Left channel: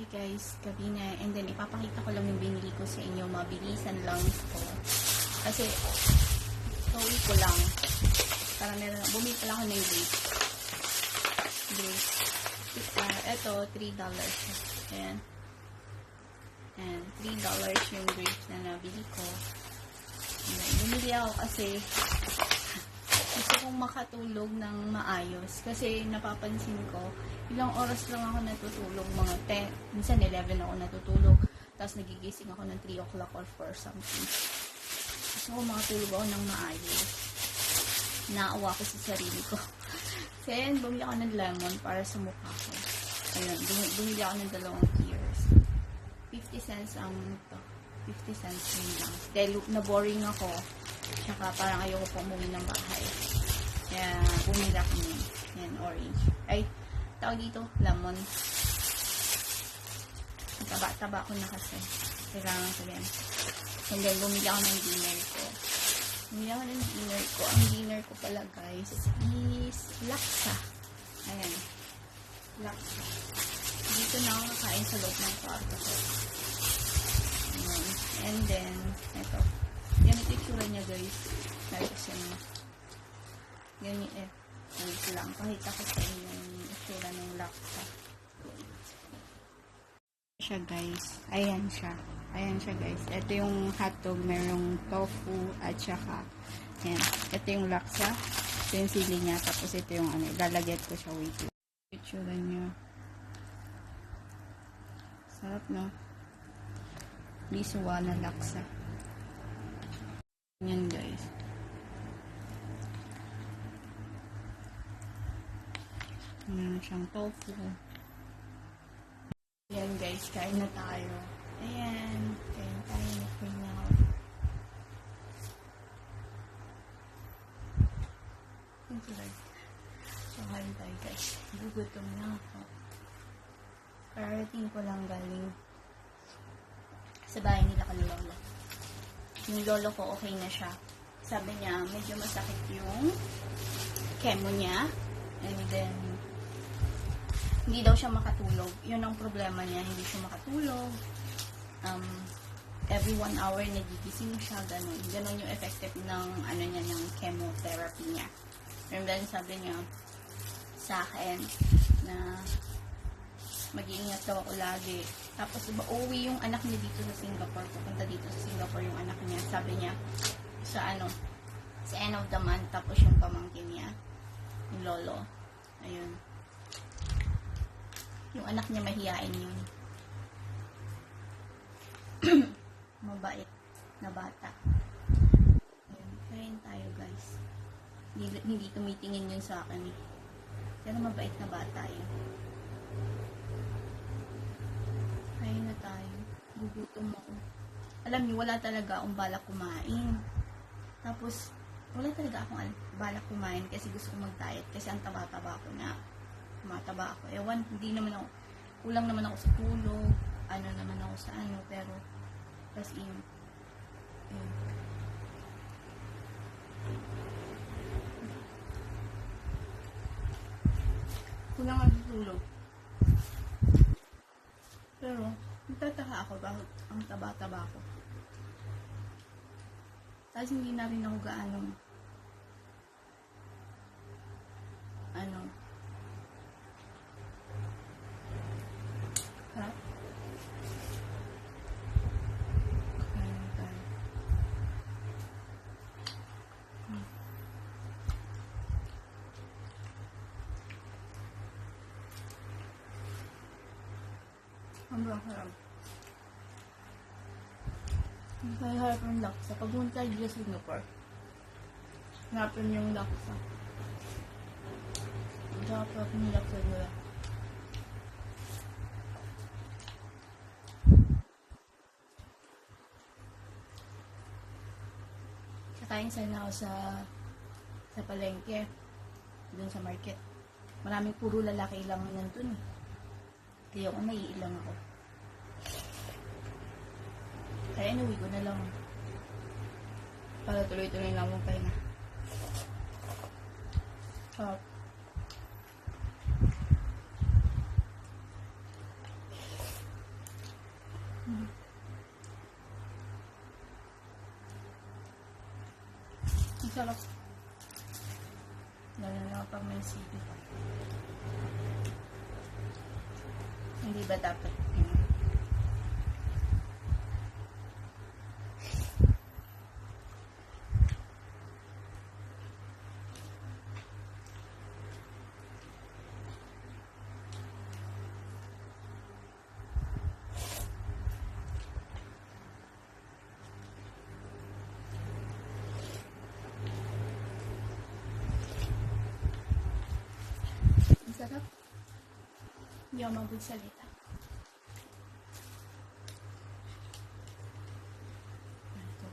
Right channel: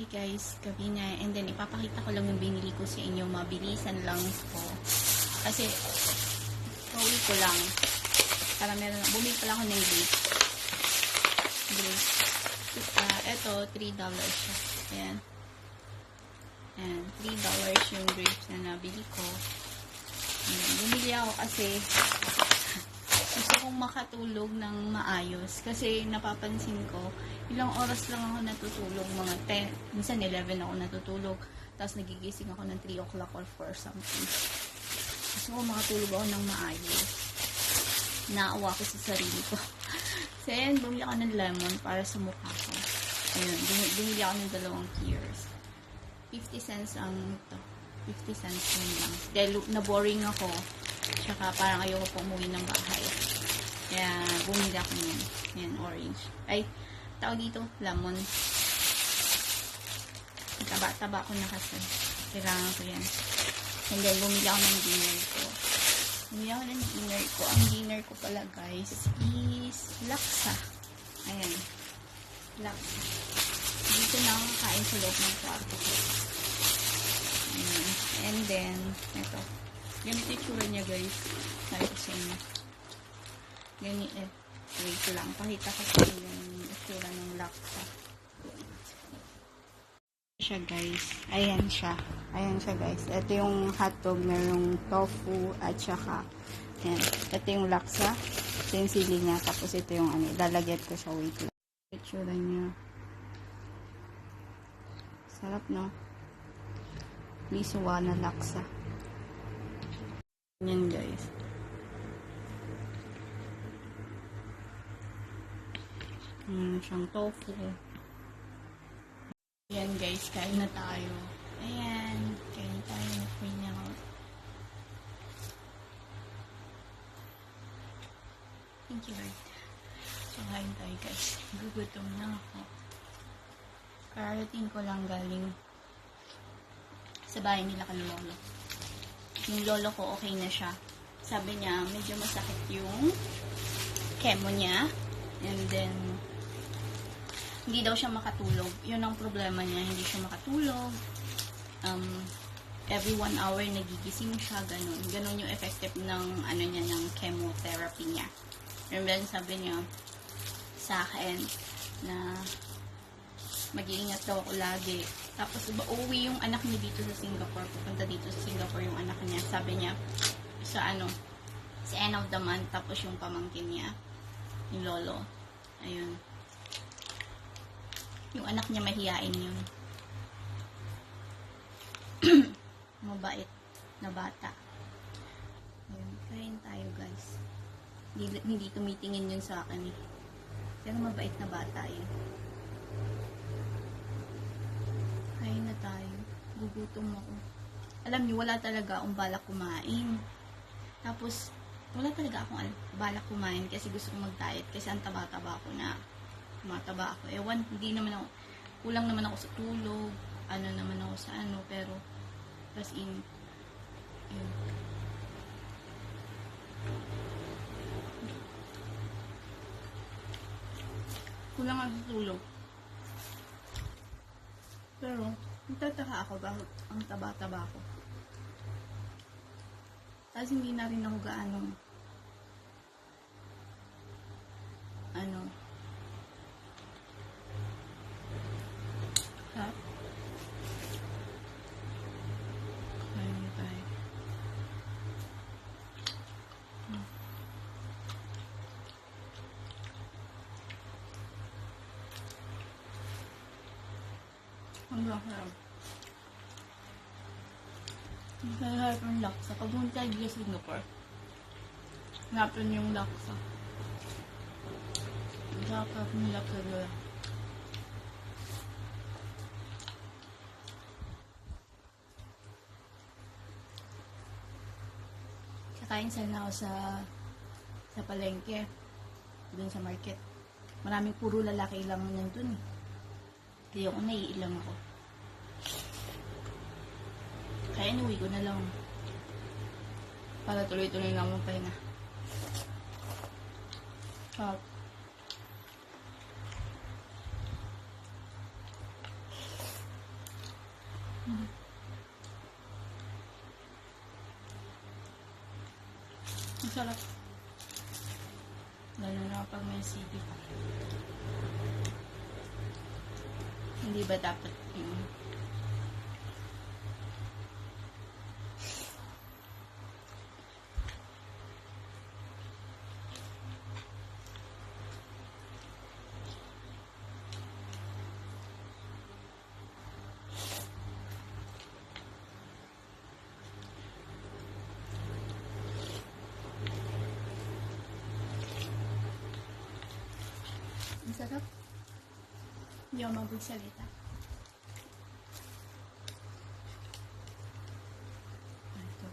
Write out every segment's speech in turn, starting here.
Hey guys, gabi na. And then, ipapakita ko lang yung binili ko sa inyo. Mabilisan lang ko. Kasi, pauwi ko lang. Para meron, bumili pala ako ng grapes. Grapes. Uh, eto, $3 siya. Ayan. Ayan, $3 yung grapes na nabili ko. Ayan, bumili ako kasi gusto kong makatulog ng maayos. Kasi napapansin ko, ilang oras lang ako natutulog, mga 10, minsan 11 ako natutulog. Tapos nagigising ako ng 3 o'clock or 4 something. Gusto ko makatulog ako ng maayos. Naawa ko sa sarili ko. so, ayan, bumili ako ng lemon para sa mukha ko. Ayun, bum- bumili ako ng dalawang tears. 50 cents ang to. 50 cents yun lang. Dahil na-boring ako. Tsaka parang ayoko po umuwi ng bahay. Kaya bumili ako nun. Yan, orange. Ay, tawag dito, lemon. Taba-taba ko na kasi. Kailangan ko yan. And then, bumili ako ng dinner ko. Bumili ako ng dinner ko. Ang dinner ko pala, guys, is laksa. Ayan. Laksa. Dito na ako kakain sa loob ng kwarto ko. And then, ito. Ganito yung tsura niya, guys. Ko sa inyo. Ganito, eh. Wait lang. Pakita ko sa inyo yung itsura ng laksa. siya, guys. Ayan siya. Ayan siya, guys. Ito yung hotdog na yung tofu at saka ayan. Ito yung laksa. Ito yung sili niya. Tapos ito yung ano. Lalagyan ko siya. Wait lang. Itsura niya. Sarap, no? Lisuwa na laksa. Yan, guys. Meron siyang tofu. Ayan guys, kain na tayo. Ayan, kain na tayo. Kain niya ako. Thank you Lord. So, kain tayo guys. Gugutom na ako. Kararating ko lang galing sa bahay nila kalulolo. Yung lolo ko okay na siya. Sabi niya, medyo masakit yung chemo niya. And then, hindi daw siya makatulog. Yun ang problema niya, hindi siya makatulog. Um, every one hour nagigising siya, ganun. Ganun yung effective ng, ano niya, ng chemotherapy niya. And then sabi niya sa akin na mag-iingat daw ako lagi. Tapos ba uuwi yung anak niya dito sa Singapore, pupunta dito sa Singapore yung anak niya. Sabi niya sa ano, sa end of the month, tapos yung pamangkin niya, yung lolo. Ayun. Yung anak niya mahihain yun. Mabait na bata. Ayun, kain tayo guys. Hindi, hindi tumitingin yun sa akin eh. Pero mabait na bata yun. Na tayo. Gugutom ako. Alam niyo, wala talaga akong balak kumain. Tapos, wala talaga akong al- balak kumain kasi gusto kong mag-diet kasi ang taba-taba ako na tumataba ako. Ewan, hindi naman ako, kulang naman ako sa tulog, ano naman ako sa ano, pero, as in, yun. Kulang ako sa tulog. Pero, nagtataka ako bakit ang taba-taba ko. Tapos hindi na rin ako gaanong ano ha? Kain tayo. Hmm. Ang sarap. Ang laksa. Pag pumunta tayo sa Singapore, hanapin yung laksa. Ang sarap ng laksa nila. Kakain sana ako sa sa palengke. Dun sa market. Maraming puro lalaki lang nandun eh. Kaya ako naiilang ako. Kaya inuwi ko na lang. Para tuloy-tuloy lang mong pahinga. Sarap. Masarap. Lalo na pag may CD pa. Hindi ba dapat yung Ang sarap. Hindi ako magsalita. Ito.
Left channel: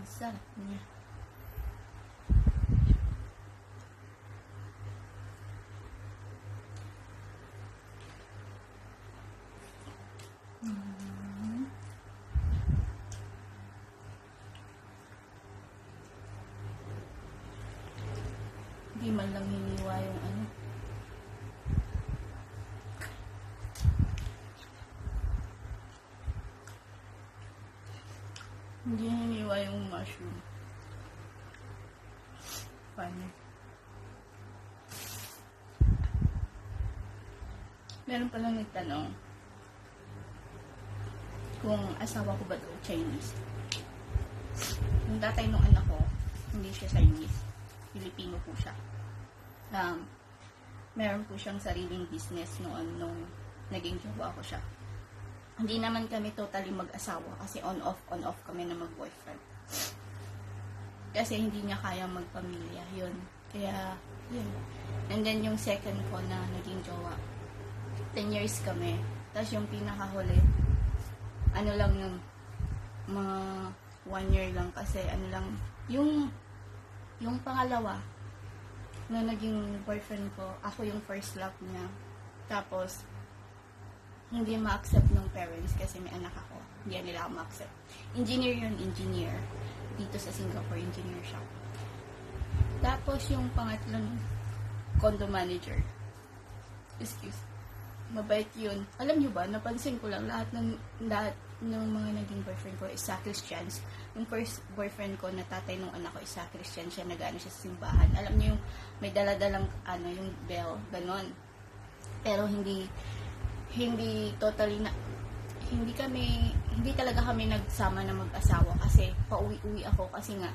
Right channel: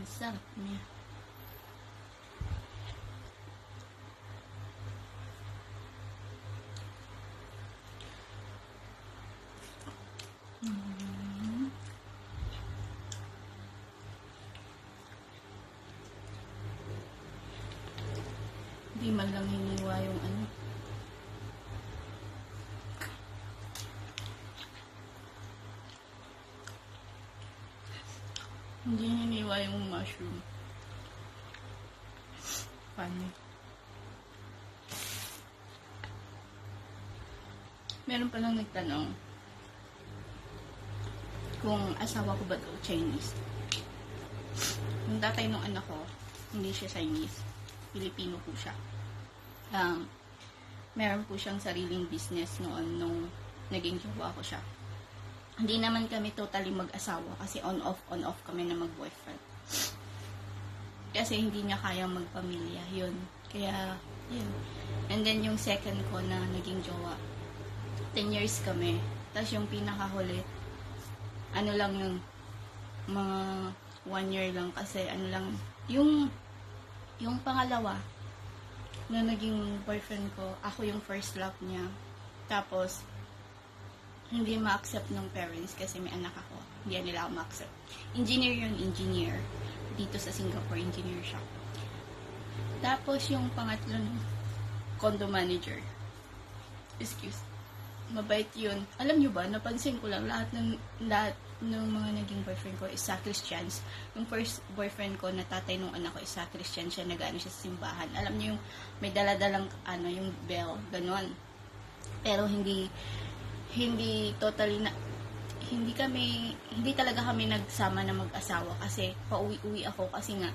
Ang sarap niya. Mm. Man lang hiniwa yung ano. Hindi hiniwa yung mushroom. Paano? Meron palang nagtanong kung asawa ko ba daw Chinese. Yung tatay ng anak ko, hindi siya Chinese. Filipino po siya. Um, meron po siyang sariling business noon nung naging jowa ko siya. Hindi naman kami totally mag-asawa kasi on-off, on-off kami na mag-boyfriend. Kasi hindi niya kayang magpamilya. Yun. Kaya, yun. And then yung second ko na naging jowa, 10 years kami. Tapos yung pinakahuli, ano lang yun, mga one year lang kasi ano lang, yung, yung pangalawa, na naging boyfriend ko, ako yung first love niya. Tapos, hindi ma-accept ng parents kasi may anak ako. Hindi nila ako ma-accept. Engineer yun, engineer. Dito sa Singapore, engineer siya. Tapos yung pangatlong condo manager. Excuse. Mabait yun. Alam nyo ba, napansin ko lang lahat ng lahat ng mga naging boyfriend ko is sa Christians. Yung first boyfriend ko na tatay nung anak ko is sa Christian siya, nag-ano siya sa simbahan. Alam niyo yung may daladalang ano, yung bell, ganon. Pero hindi hindi totally na hindi kami hindi talaga kami nagsama na mag-asawa kasi pauwi-uwi ako kasi nga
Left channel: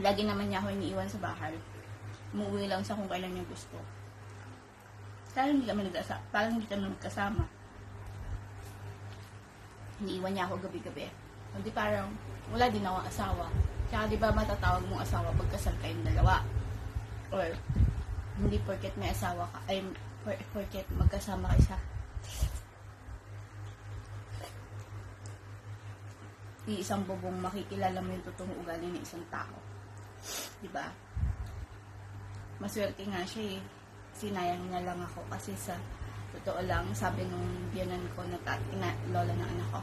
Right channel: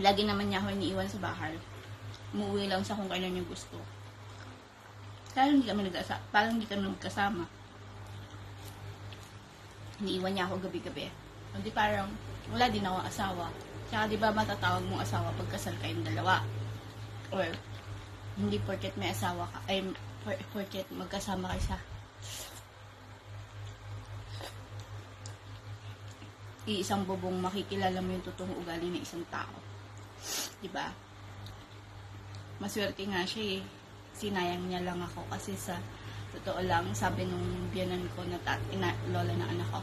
lagi naman niya ako iniiwan sa bahay umuwi lang sa kung kailan niya gusto parang hindi kami nag-asama parang hindi kami nagkasama iniiwan niya ako gabi-gabi hindi parang wala din ako asawa tsaka di ba matatawag mong asawa pagkasal kayong dalawa or hindi porket may asawa ka, ay por, porket magkasama kayo sa iisang bubong makikilala mo yung totoong ugali ng isang tao. 'Di ba? Maswerte nga siya eh. Sinayang niya lang ako kasi sa totoo lang, sabi nung biyanan ko na tat, ina, lola ng anak ko.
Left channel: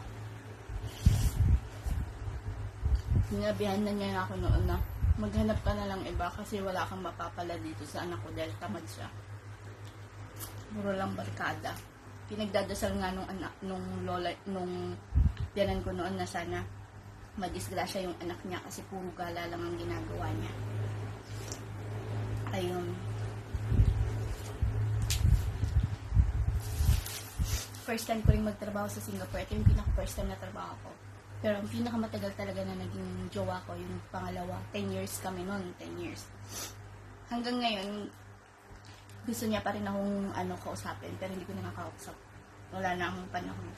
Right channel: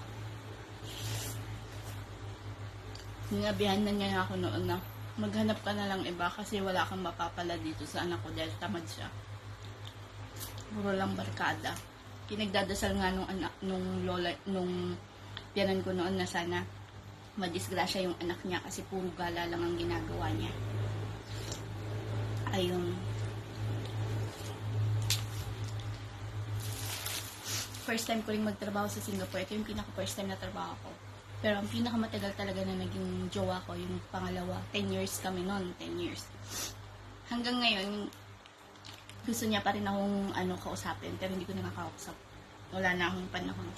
Sinabihan na niya ako noon na maghanap ka na lang iba kasi wala kang mapapala dito sa anak ko dahil tamad siya. Puro lang barkada. Pinagdadasal nga nung anak, nung lola, nung tiyanan ko noon na sana madisgrasya yung anak niya kasi puro gala lang ang ginagawa niya. Ayun. First time ko rin magtrabaho sa Singapore. Ito yung pinaka first time na trabaho ko. Pero ang pinakamatagal talaga na naging jowa ko, yung pangalawa. 10 years kami noon, 10 years. Hanggang ngayon, gusto niya pa rin akong ano, kausapin, pero hindi ko nakakausap. Wala na akong panahon.